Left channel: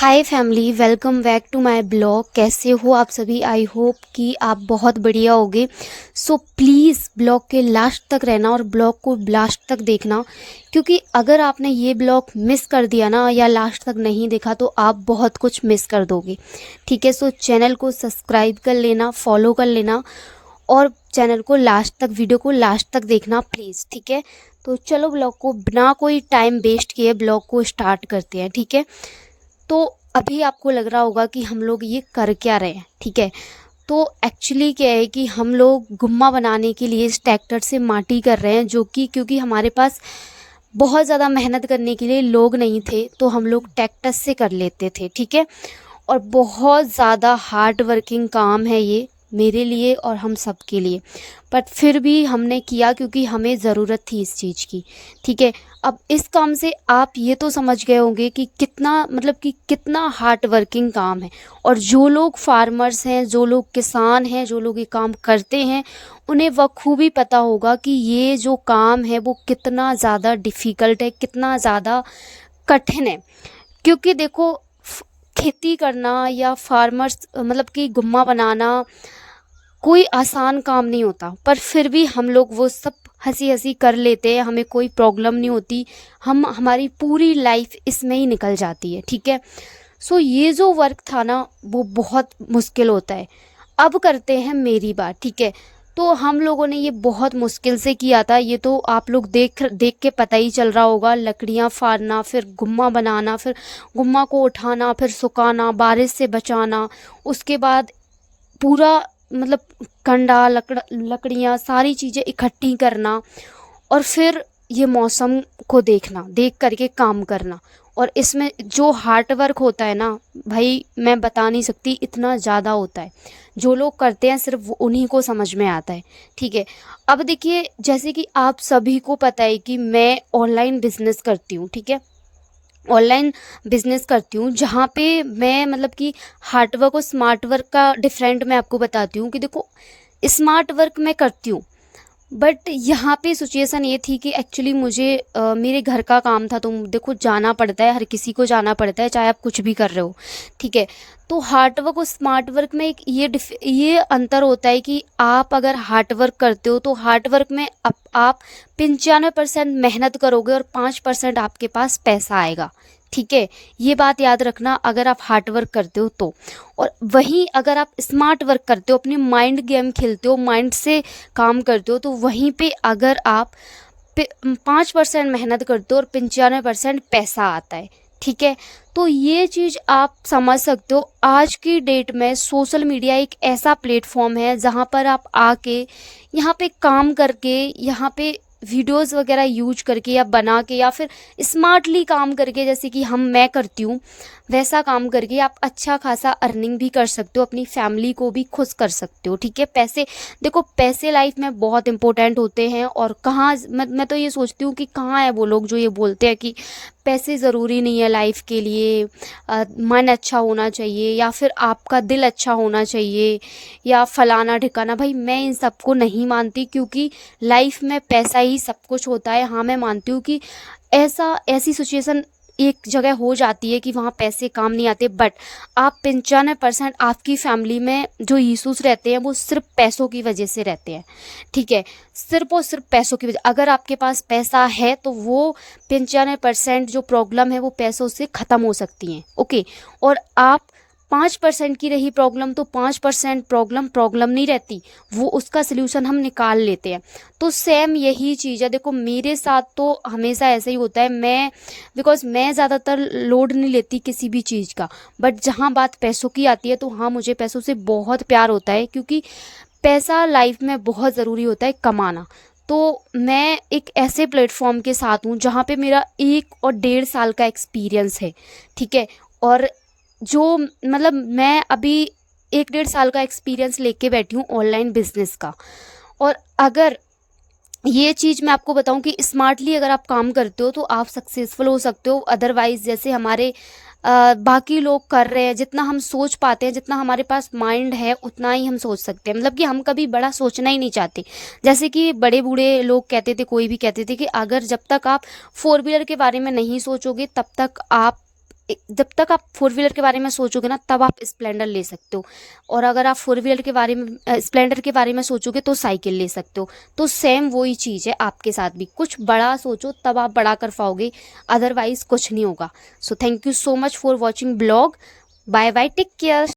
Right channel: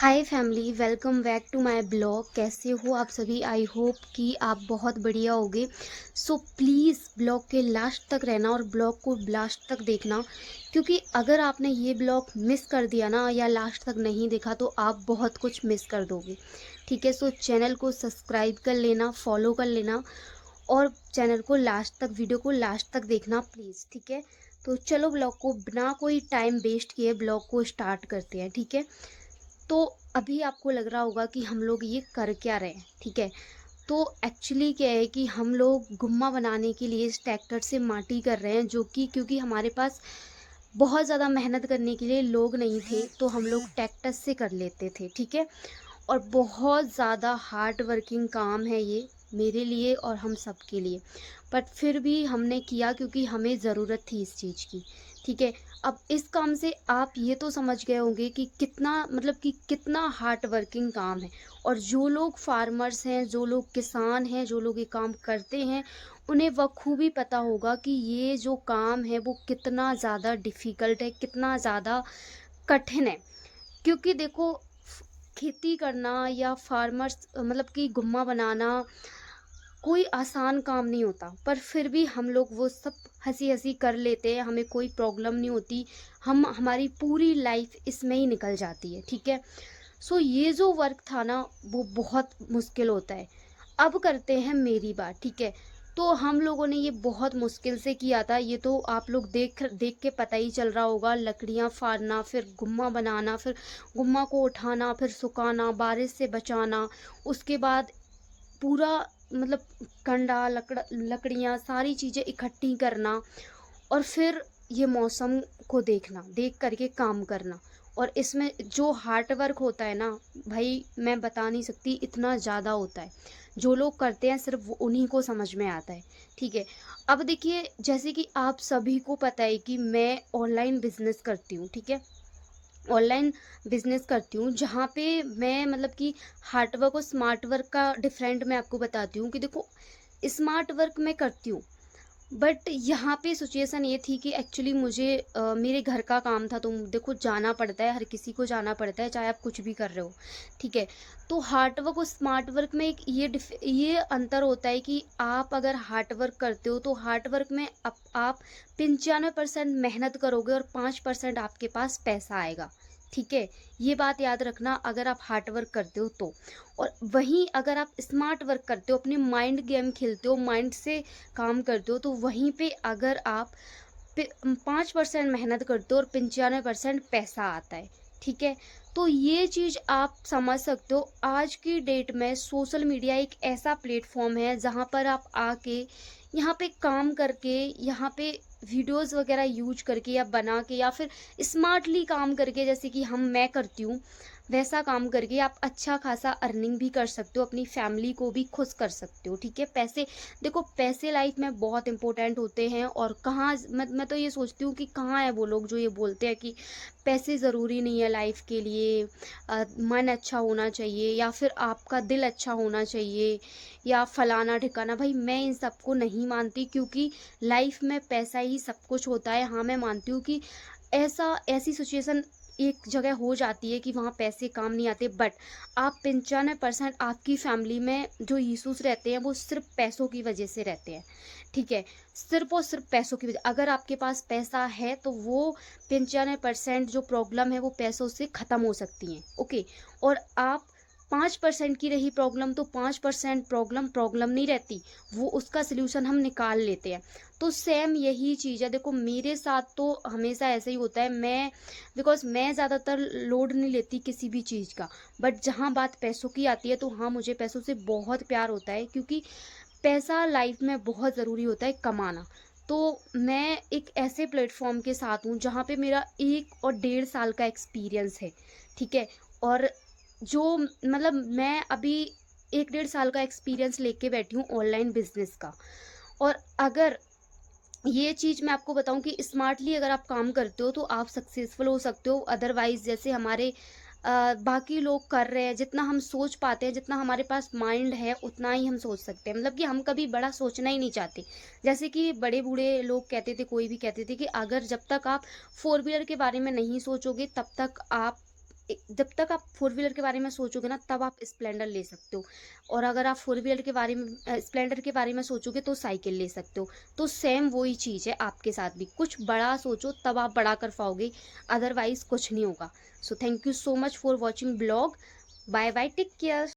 Hi family, welcome back to my blog. कैसे हो आप सभी? आई होप कि आप बहुत बढ़िया होगे। सो प्लीज़ ब्लॉग के लास्ट तक रहना और ब्लॉग को लास्ट तक देखना, क्योंकि अगर आपने ये ब्लॉग मिस कर दिया ना या लास्ट तक नहीं देखा तो आप बहुत कुछ मिस कर दोगे। ठीक है, सो चैनल को सब्सक्राइब कर लेना, फॉलो कर लेना और चैनल को लास्ट तक, वीडियो को लास्ट तक देखना प्लीज़। ठीक है, तो चलो ब्लॉग को बिना कोई टाइम वेस्ट किए ब्लॉग को स्टार्ट करते हैं। ठीक है, तो अभी आपको लग रहा होगा कि हम लोग ये कर क्या रहे हैं। ठीक है, तो एक्चुअली क्या है कि हम लोग गुम्मा बनाने के लिए इस ट्रैक्टर से माटी कर रहे हैं, जो कि क्योंकि हमारे पास बहुत ज़्यादा मेहनत करने के लिए लोग नहीं थे तो हम लोग ट्रैक्टर से कर लेते थे। ठीक है, और बहुत ज़्यादा हार्ड वर्किंग काम है ये मेरे लिए और हम सब के लिए, बट फिर भी हमने किया क्योंकि हमें ज़रूरत थी इस चीज़ की। ठीक है, अब इस काम से आप ये तो समझ गए होंगे कि कितना मतलब कि कितना हार्ड वर्किंग काम है। और जो लोग फार्मर्स हैं, जो लोग किसान हैं, जो लोग ये काम करते हैं, उन्हें बखूबी पता होगा कि ये जो काम है वो कितना ज़्यादा डिफ़िकल्ट है, कितना ज़्यादा कठिन है। क्योंकि देखो, खेती करना या फार्मर्स मतलब कि गुम्मा बनाना कोई आसान काम नहीं होता, पर फिर भी हम लोग वो सब हंसी हंसी कर लेते हैं, हमें कोई प्रॉब्लम नहीं होती। हमारी पूरी लाइफ इसमें ही निकल जाती है। ठीक है, सो ये जो वर्क था ना वो बहुत मुश्किल होता है। अब करते हैं मेरी बात। ठीक है, तो हम लोगों ने ये बहुत मुश्किल से किया था। ये तो आप लोग देख देख के पता ही चल रहा होगा। लकड़ियाँ फाड़ना, फिर गुम्मा बनाना, फिर गुम्मा को उठाना, फिर सुखाना, बारिश से बचाना, उसके बाद पूरा मतलब कंडा लकड़ियाँ सारी चीज़ें इकट्ठी करना, और फिर ये मौसम को देखना, देख करके काम करना। और इसमें जो हार्ड वर्क होता है ना भाई, मैं बता नहीं सकती, इतना ज़्यादा होता है। जो लोग करते हैं सिर्फ उन्हीं को समझ में आता है। ठीक है, अब देखिए, जैसे कि आप सभी को पता है कि मैं ऑनलाइन बिजनेस करती हूँ। ठीक है, ऑनलाइन बिजनेस करती हूँ, जहाँ पे मैं मतलब कि हार्ड वर्क और स्मार्ट वर्क का डिफरेंट मैं आपको बताती हूँ। कि देखो, स्मार्ट वर्क मैं करती हूँ, बट यहाँ पे सिचुएशन ये थी कि एक्चुअली मुझे मेरे घर का काम था, तो देखो जाना पड़ता है, हर किसी को जाना पड़ता है, चाहे आप कुछ भी कर रहे हो। ठीक है, तो हार्ड वर्क और स्मार्ट वर्क में एक ये अंतर होता है कि आप अगर हार्ड वर्क करते हो तो हार्ड वर्क में आप 95% मेहनत करोगे और 5% आपके पास पैसा आएगा। ठीक है, ये बात याद रखना अगर आप हार्ड वर्क करते हो तो। और वहीं अगर आप स्मार्ट वर्क करते हो, अपनी माइंड गेम खेलते हो, माइंड से काम करते हो, तो वहीं पे अगर आप 5% मेहनत करते हो और 95% पैसा आता है। ठीक है, तो ये चीज़ आप समझ सकते हो। आज की डेट में सोशल मीडिया एक ऐसा प्लेटफॉर्म है जहाँ पर आप आके यहाँ पे काम करके, यहाँ पे वीडियोस वगैरह यूज करके या बना के या फिर स्मार्टली काम करके, जैसे कि मैं करती हूँ, वैसा काम करके आप अच्छा खासा अर्निंग भी कर सकते हो, अपनी फैमिली को भी खुश कर सकते हो। ठीक है, पैसे, देखो पैसे लाइफ में बहुत इंपॉर्टेंट होते हैं। और कहाँ मैं तो ये सोचती हूँ कि कहाँ है वो लोग जो ये बोलते हैं कि पैसे ज़रूरी नहीं है लाइफ के लिए, मन अच्छा होना चाहिए या फिर आपका दिल अच्छा होना चाहिए या फलाना ठिकाना। भाई मैं इन सबको नहीं मानती, क्योंकि लाइफ में पैसा ही सब कुछ होता है। हाँ, मैं मानती हूँ कि ऐसी सिचुएशन एक जगह हो जाती है कि वहाँ पैसे काम नहीं आते, बट आप 95% आपकी फैमिली में जो यीशुस रहते हैं वो सिर्फ पैसों की वजह से रहते हैं। ठीक है, सिर्फ और सिर्फ पैसों की वजह। अगर आपके पास पैसा है तो वो 95% जो प्रॉब्लम है वो पैसों से ख़त्म हो सकती हैं। ओके, और आप 5% की रही प्रॉब्लम, तो 5% प्रॉब्लम प्रॉब्लम नहीं रहती, वो उसका सल्यूशन हम निकाल लेते हैं। तो सेम यही चीज़ है। देखो मेरे साथ तो हमेशा ऐसा ही होता है। बिकॉज मैं ज़्यादातर लोड नहीं लेती किसी भी चीज़ का, बट जहाँ बात पैसों की आती है तो हाँ, मुझे पैसों से बहुत प्यार होता है, क्योंकि पैसा लाइफ में बहुत ज़रूरी होता है कमाना। तो मैं एक ऐसे प्लेटफॉर्म के साथ हूँ जहाँ पे मेरा 1 और 1.5 साल का एक्सपीरियंस है। ठीक है, और जो मतलब मैं अभी 1 1.5 साल का एक्सपीरियंस लेके बैठी हूँ ऑनलाइन बिजनेस का। और अगर ये चीज़ मैं आपको बताऊं कि स्मार्टली अगर आप काम करते हो तो आप सक्सेसफुल हो सकते हो। अदरवाइज जैसे हमारे बाकी लोग कर रहे हैं, जितना हम सोच पाते हैं, जितना हमारे पास माइंड है उतना ही हम सोच सकते हैं। मतलब कि हम कभी बड़ा सोचना ही नहीं चाहते। जैसे कि बड़े बूढ़े लोग कहते थे, कोई भी कहते थे कि अगर जब तक आप 4 व्हीलर के बारे में नहीं सोचोगे तब तक आप जब तक आप फोर व्हीलर के बारे में सोचोगे ना, तब आप स्प्लेंडर ले सकते हो, और अगर आप फोर व्हीलर के बारे में स्प्लेंडर के बारे में सोचोगे तो साइकिल ले सकते हो। तो सेम वही चीज़ है आपके साथ भी, कुछ बड़ा सोचो तब आप बड़ा कर पाओगे, अदरवाइज कुछ नहीं होगा। So thank you so much for watching blog. Bye bye, take care.